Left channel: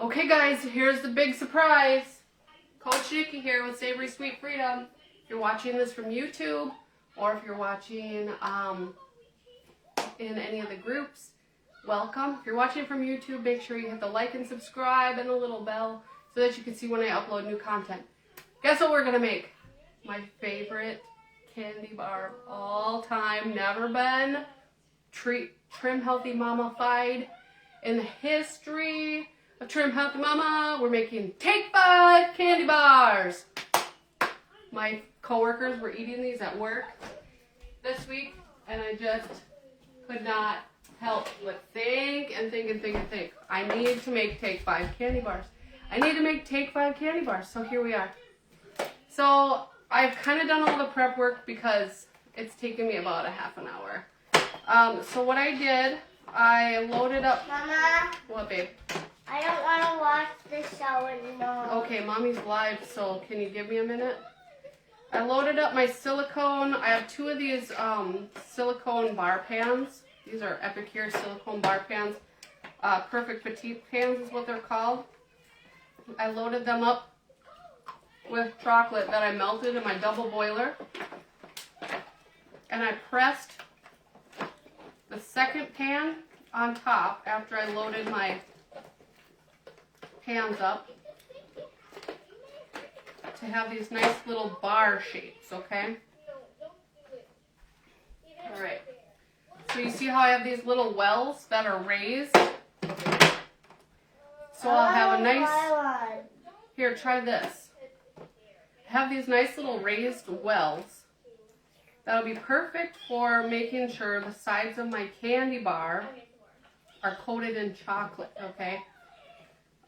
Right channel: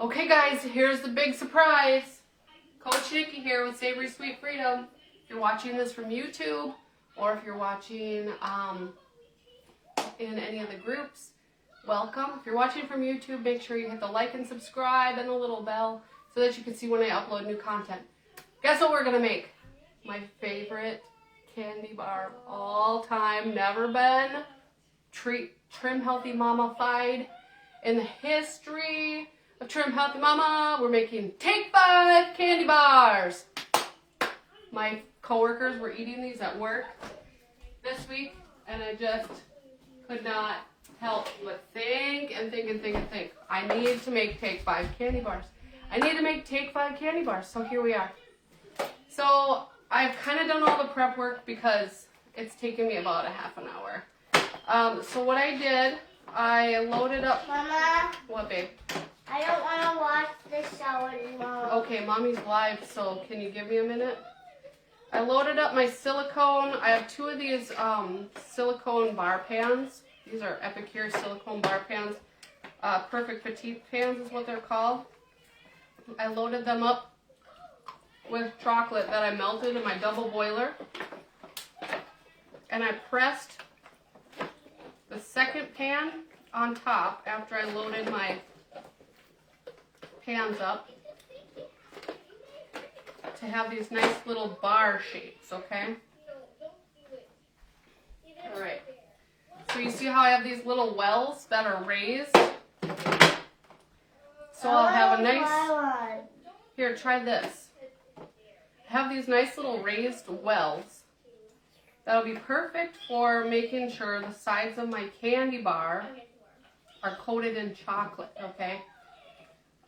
Okay guys, here's the big surprise. Coach Nikki here with Savory Sweet Freedom. If you're watching this from YouTube or if you're watching in any of the groups, welcome. If you're watching from YouTube, make sure you hit the like and subscribe and the little bell so that you can see when I upload new content. Guess what we're going to make? My favorite candy bar of all time, never been Trim Healthy Mama-fied in the history of Trim Healthy Mama. We're making Take 5 candy bars. My coworkers were eating these at work this week, and I just could not help but think. I need to make Take 5 candy bars. I need to make Take 5 candy bars, so here we are. So I've kind of done all the prep work because it's taken me about a half an hour. So what I did, I loaded up... Mama? What, babe? I don't want to watch the show anymore. Okay, Mommy's live, so can you give me a minute? I loaded up my silicone. I have two of these silicone bar pans. These are Epicure silicone bar pans. Perfect petite pans is what they're called. I loaded them up with chocolate that I melted in my double boiler. And I pressed the second pan on top after I loaded my pans up to have these nice little bar shapes, okay? Alright. So you see how I have these little wells that are raised? So I'll have a nice... Here, try this. I have these nice little raised wells. That'll be perfect for making sure the sides of my candy bar are coated in chocolate, okay?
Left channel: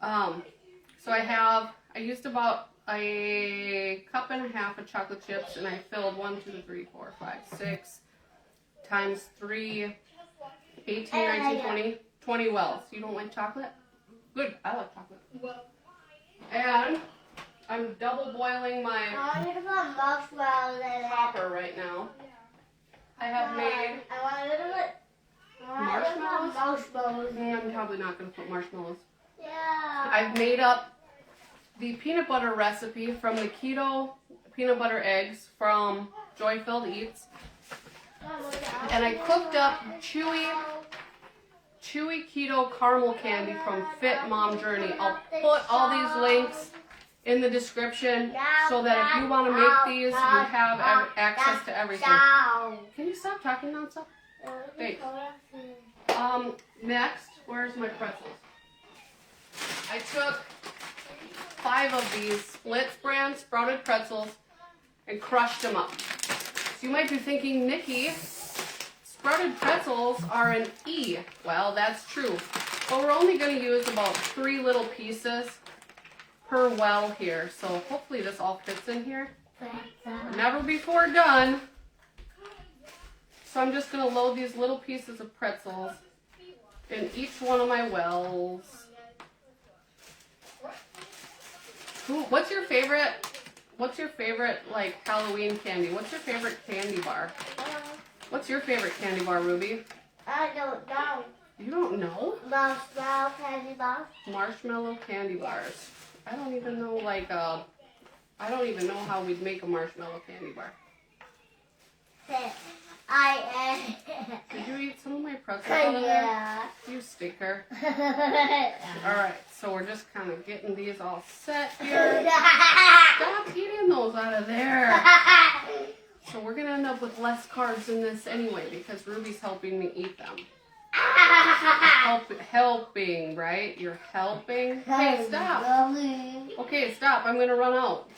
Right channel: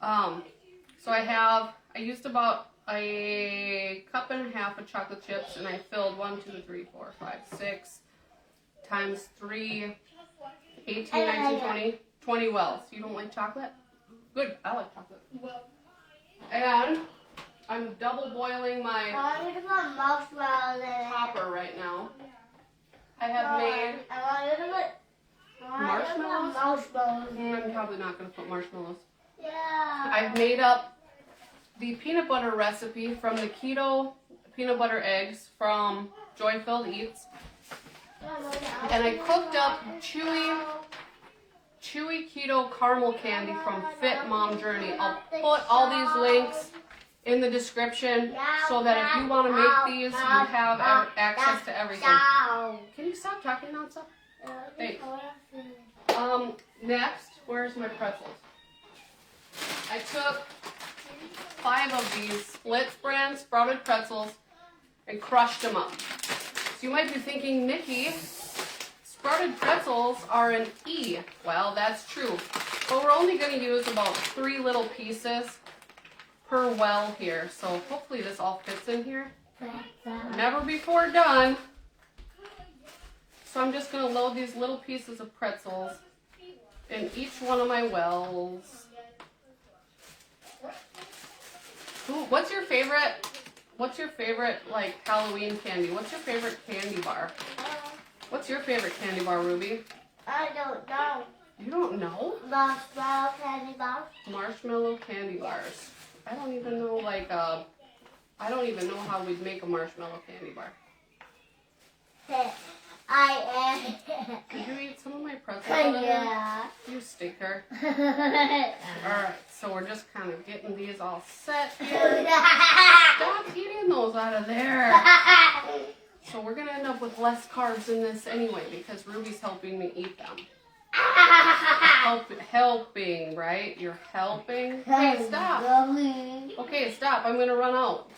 So I used about a cup and a half of chocolate chips, and I filled 1, 2, 3, 4, 5, 6 times 3, 18, 19, 20 wells. You don't like chocolate? Good, I like chocolate. And I'm double boiling my copper right now. I have made marshmallows. I'm probably not going to put marshmallows. Yeah. I've made up the peanut butter recipe from the keto peanut butter eggs from Joy Filled Eats. And I cooked up chewy keto caramel candy from Fit Mom Journey. I'll put all these links in the description so that if you want to make these, you have access to everything. Can you stop talking nonstop? Thanks. Next, where's my pretzels? I took 5 of these Splits brand sprouted pretzels and crushed them up. So you might be thinking, Nikki, sprouted pretzels are an E. Well, that's true. But we're only going to use about 3 little pieces per well here. So hopefully this all fits in here. Never before done. So I'm just going to load these little pieces of pretzels in each one of my wells. Ooh, what's your favorite like Halloween candy? What's your favorite candy bar? What's your favorite candy bar, Ruby? I don't know. You don't know? Marshmallow candy bar. Marshmallow candy bars. I don't even know I don't even know how we'd make a marshmallow candy bar. Did you eat some of my pretzels out of there? You stinker. Alright, so we're just kind of getting these all set here. Stop eating those out of there. So we're going to end up with less carbs in this anyway because Ruby's helping me eat them. Helping, right? You're helping. Hey, stop. Okay, stop. I'm going to run out.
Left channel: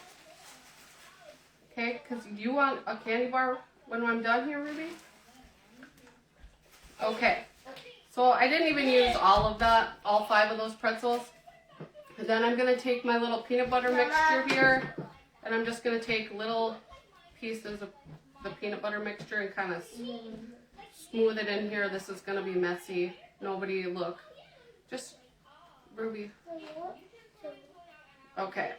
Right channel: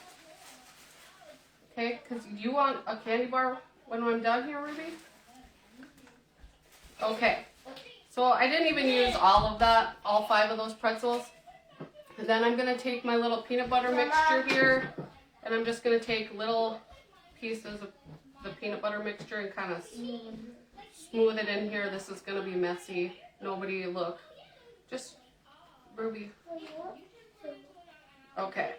Okay, because you want a candy bar when I'm done here, Ruby? Okay. So I didn't even use all 5 of those pretzels. And then I'm going to take my little peanut butter mixture here, and I'm just going to take little pieces of the peanut butter mixture and kind of smooth it in here. This is going to be messy. Nobody look. Just, Ruby. Okay.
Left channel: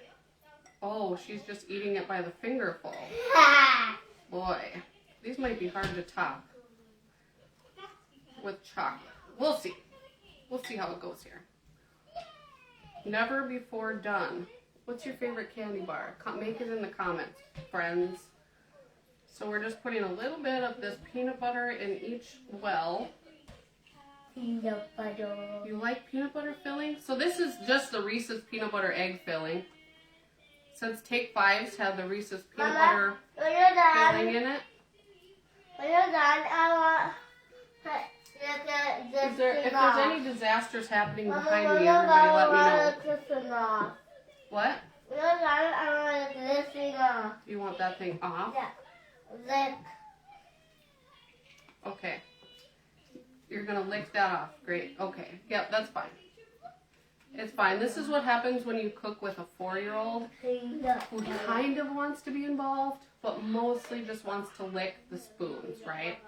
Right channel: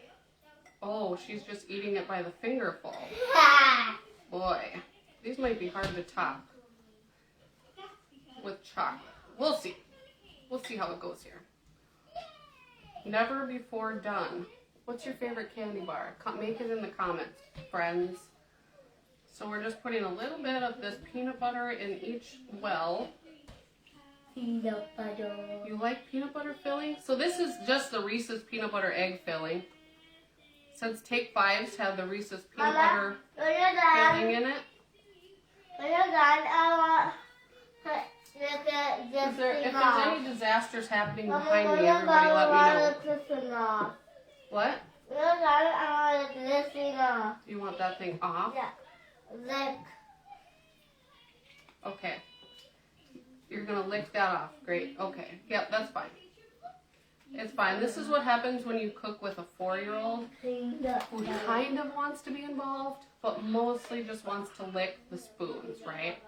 Oh, she's just eating it by the fingerful. Boy, these might be hard to top with chocolate. We'll see. We'll see how it goes here. Never before done. What's your favorite candy bar? Make it in the comments, friends. So we're just putting a little bit of this peanut butter in each well. Peanut butter. You like peanut butter filling? So this is just the Reese's peanut butter egg filling. Since Take 5s have the Reese's peanut butter filling in it. When you're done, I want If there's any disasters happening behind Mama, me, everybody let me know. this thing off. What? When you're done, I want this thing off. You want that thing off? Yeah. Lick. Okay. You're going to lick that off. Great. Okay. Yep, that's fine. It's fine. This is what happens when you cook with a 4-year-old who kind of wants to be involved, but mostly just wants to lick the spoons, right?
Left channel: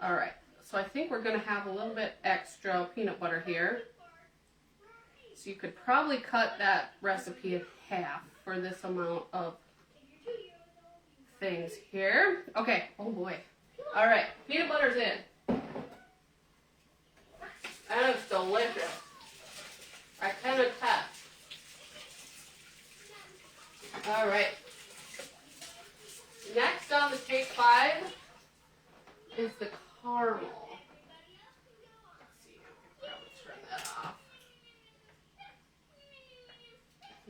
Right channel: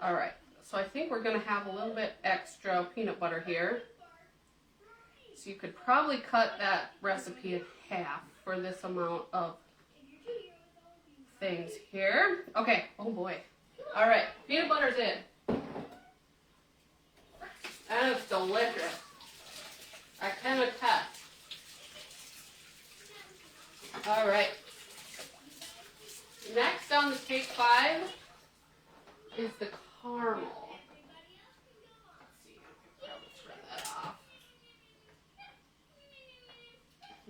All right. So I think we're going to have a little bit extra peanut butter here. So you could probably cut that recipe in half for this amount of things here. Okay. Oh boy. All right. Peanut butter's in. And it's delicious. I can attest. All right. Next on the Take 5 is the caramel. Let's see. Probably turn that off.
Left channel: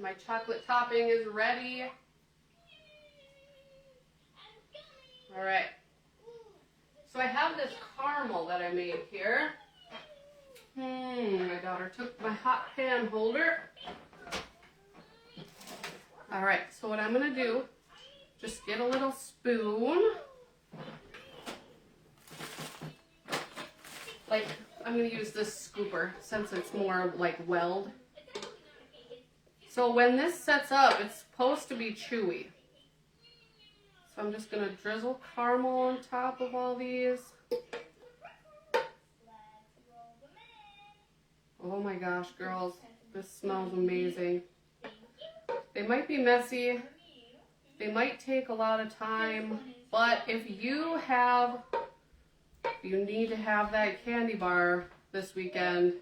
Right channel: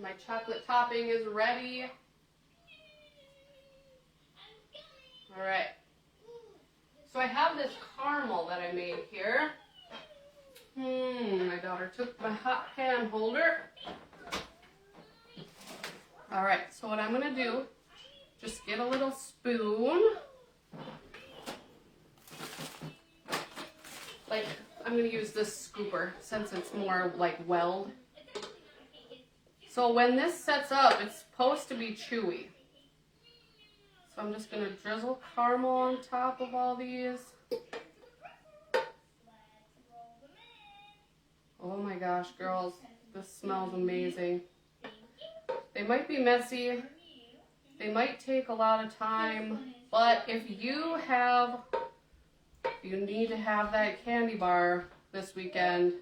My chocolate topping is ready. All right. So I have this caramel that I made here. My daughter took my hot pan holder. All right, so what I'm gonna do, just get a little spoon. Like, I'm gonna use this scooper since it's more like weld. So when this sets up, it's supposed to be chewy. So I'm just gonna drizzle caramel on top of all these. Oh my gosh, girls, this smells amazing. They might be messy, they might take a lot of time, but if you need to have that candy bar this weekend,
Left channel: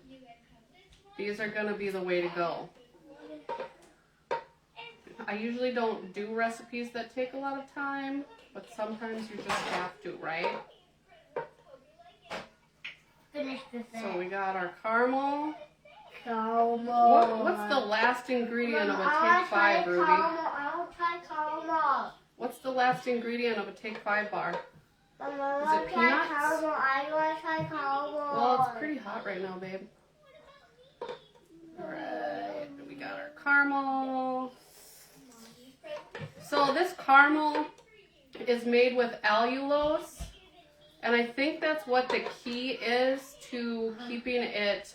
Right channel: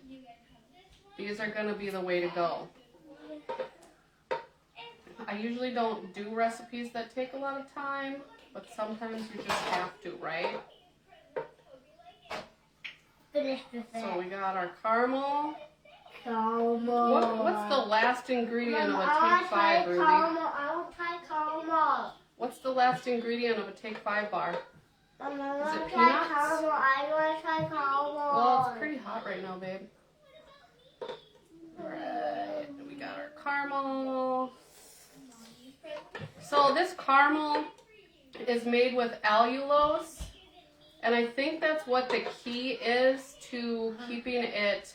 these are gonna be the way to go. I usually don't do recipes that take a lot of time, but sometimes you just have to, right? Finish this. So we got our caramel. Caramel. What's the last ingredient of a Mama, Take 5, Ruby? I want to try caramel. What's the last ingredient of a Take 5 bar? Mama, Is it peanuts? caramel. I want to try caramel. Well, it's pretty hot right now, babe. Alright, we got our caramel. So this caramel is made with allulose, and I think that's what the key is to keeping it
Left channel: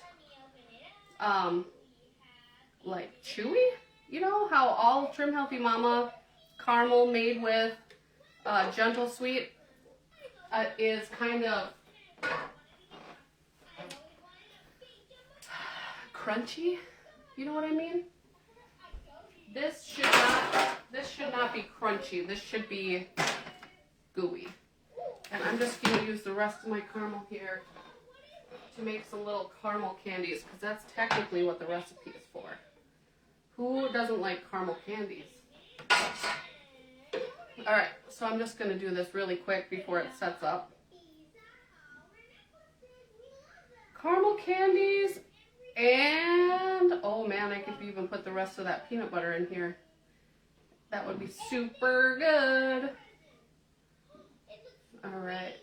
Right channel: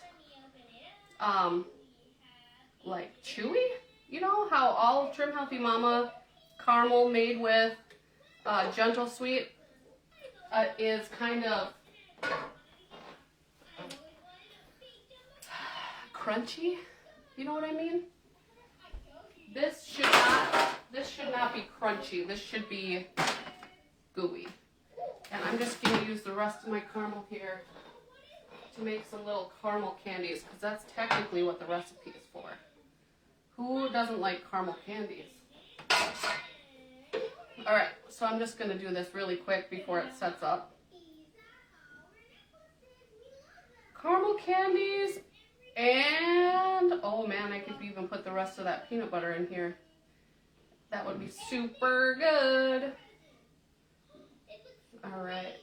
like chewy. You know how all Trim Healthy Mama caramel made with Gentle Sweet is kind of crunchy. You know what I mean? This should not be crunchy. This should be gooey. And I'm just going to use the rest of my caramel here to make some little caramel candies, because that's technically what the recipe is for. Who doesn't like caramel candies? Alright, so I'm just going to do this really quick before it sets up. Caramel candies, and oh man, I could even put the rest of that peanut butter in here. That would be super good. Alright.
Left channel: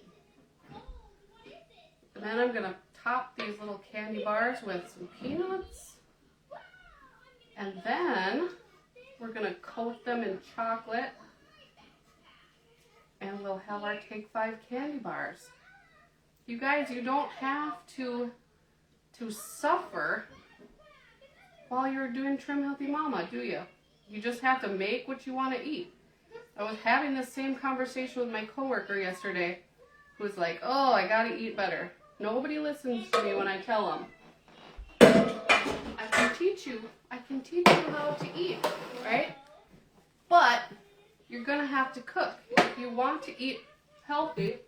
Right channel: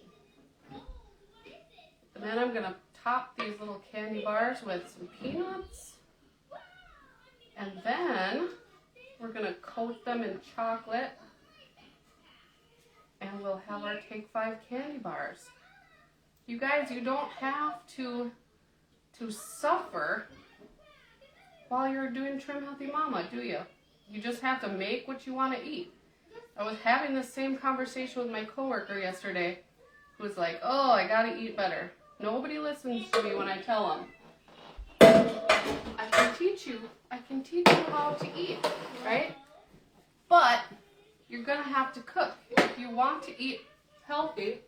And then I'm going to top these little candy bars with some peanuts. And then we're going to coat them in chocolate. And we'll have our Take 5 candy bars. You guys, you don't have to suffer while you're doing Trim Healthy Mama, do you? You just have to make what you want to eat. I was having the same conversation with my coworker yesterday, who was like, oh, I gotta eat better. Nobody listens to me when I tell them. I can teach you how to eat, right? But you're gonna have to cook. If you want to eat healthy,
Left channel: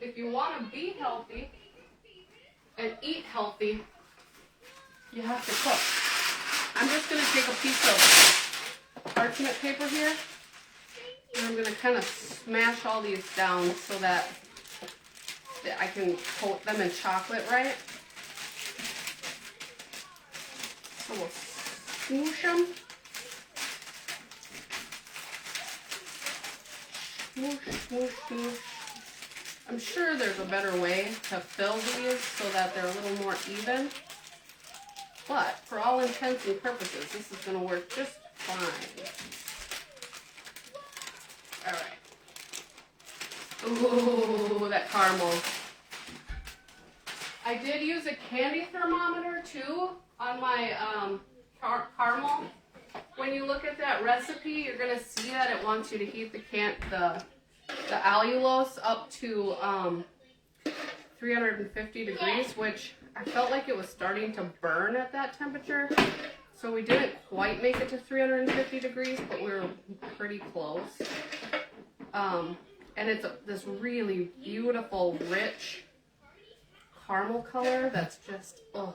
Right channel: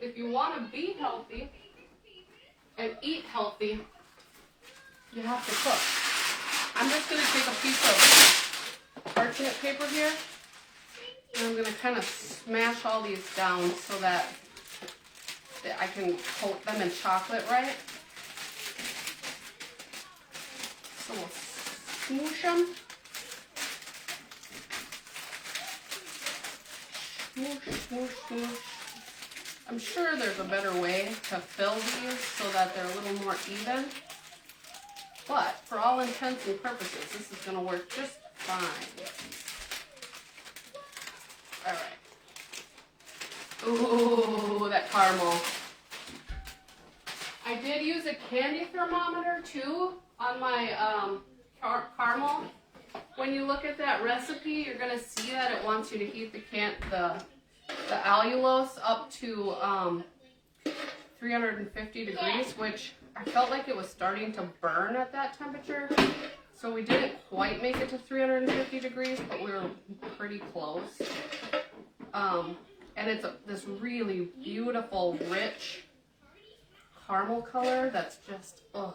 if you want to be healthy and eat healthy, you have to cook. I'm just going to take a piece of parchment paper here, and I'm going to kind of smash all these down so that I can coat them in chocolate right. So we'll smoosh them. Smoosh, smoosh, smoosh. I'm sure there's a better way to fill these so that they're a little more even. But for all intents and purposes, this is going to work just fine. All right. Ooh, that caramel. I did use a candy thermometer too on my caramel. When you look at that recipe, you're going to see that it wants you to heat the allulose up to 350 degrees, which I felt like it was starting to burn at that temperature. So we didn't quite make it to 350 degrees, but we were pretty close. And it's this really beautiful, rich caramel color that's just, oh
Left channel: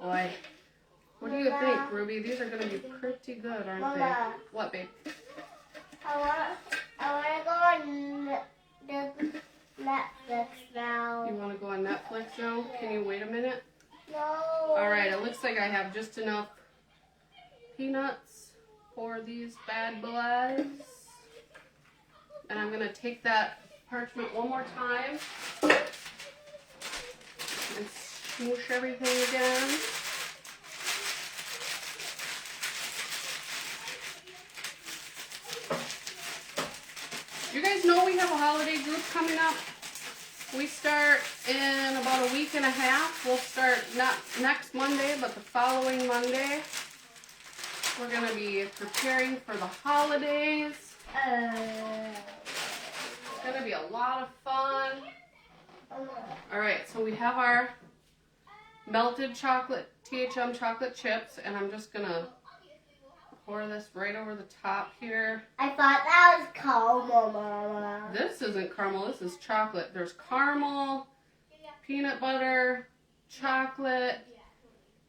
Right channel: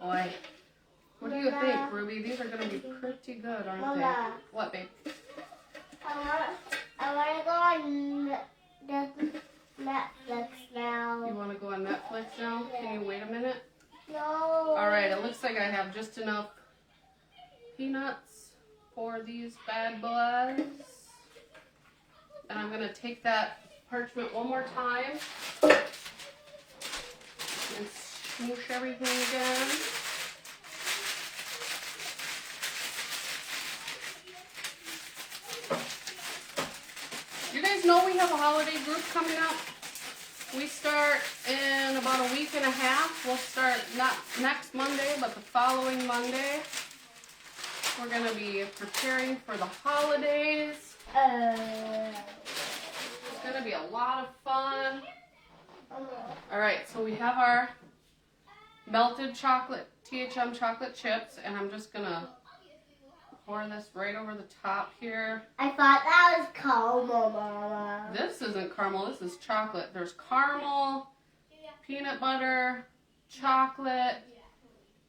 boy. What do you think, Ruby? These are going to be pretty good, aren't they? What, babe? I want to go on Netflix now. You want to go on Netflix now? Can you wait a minute? No. All right, it looks like I have just enough peanuts for these bad boys. And I'm going to take that parchment one more time and smoosh everything again. You guys know we have a holiday group coming up. We start in about a week and a half. We'll start not next Monday, but the following Monday. We're going to be preparing for the holidays. It's going to be a lot of fun. All right, so we have our melted chocolate, THM chocolate chips, and I'm just going to pour this right over the top here. I thought that was caramel, Mama. This isn't caramel, this is chocolate. There's caramel, peanut butter, chocolate,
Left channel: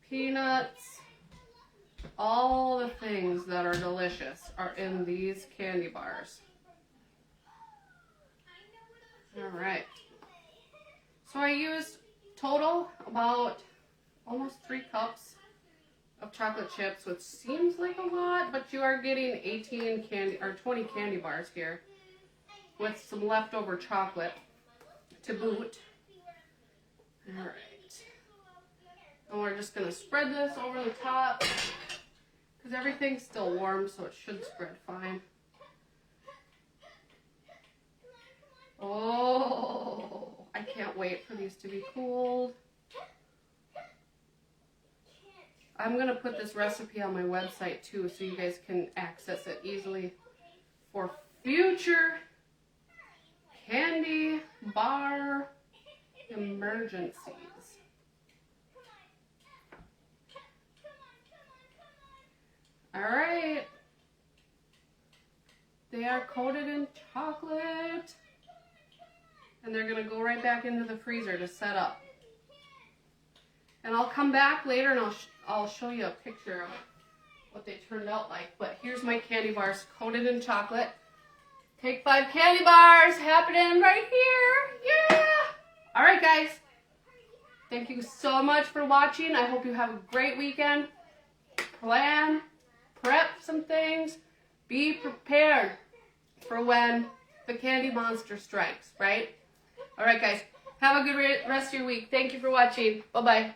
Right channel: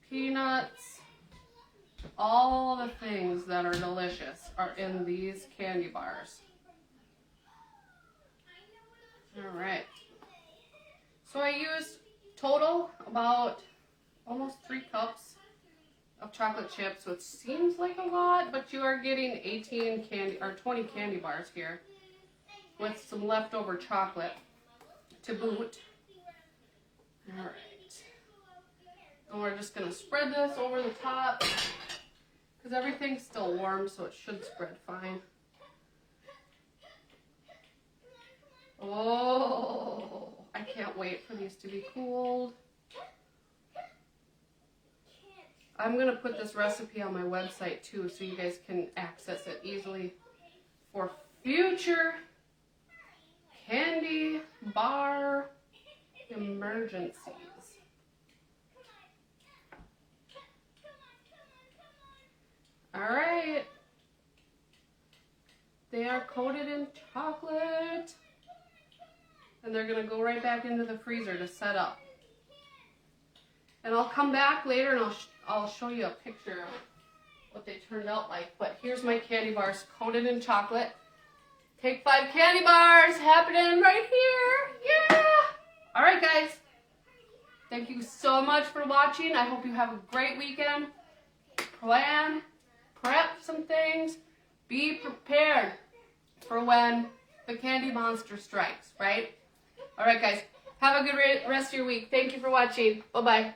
peanuts. All the things that are delicious are in these candy bars. All right. So I used total about almost 3 cups of chocolate chips, which seems like a lot, but you are getting 20 candy bars here with some leftover chocolate to boot. All right. And we're just going to spread this over the top because everything's still warm, so it should spread fine. Oh, I can't wait for these to be cooled. I'm going to put this recipe on my website too so you guys can access it easily for future candy bar emergencies. All right. They are coated in chocolate. And they're going to go right back into the freezer to set up. And I'll come back later and I'll show you a picture of what they turned out like. But here's my candy bars coated in chocolate. Take 5 candy bars happening right here. Yeah! All right, guys. Thank you so much for watching. I hope you have a great weekend. Prep some things. Be prepared for when the candy monster strikes, right? All right, guys. Have a good rest of your week. Thank you for watching. Bye-bye.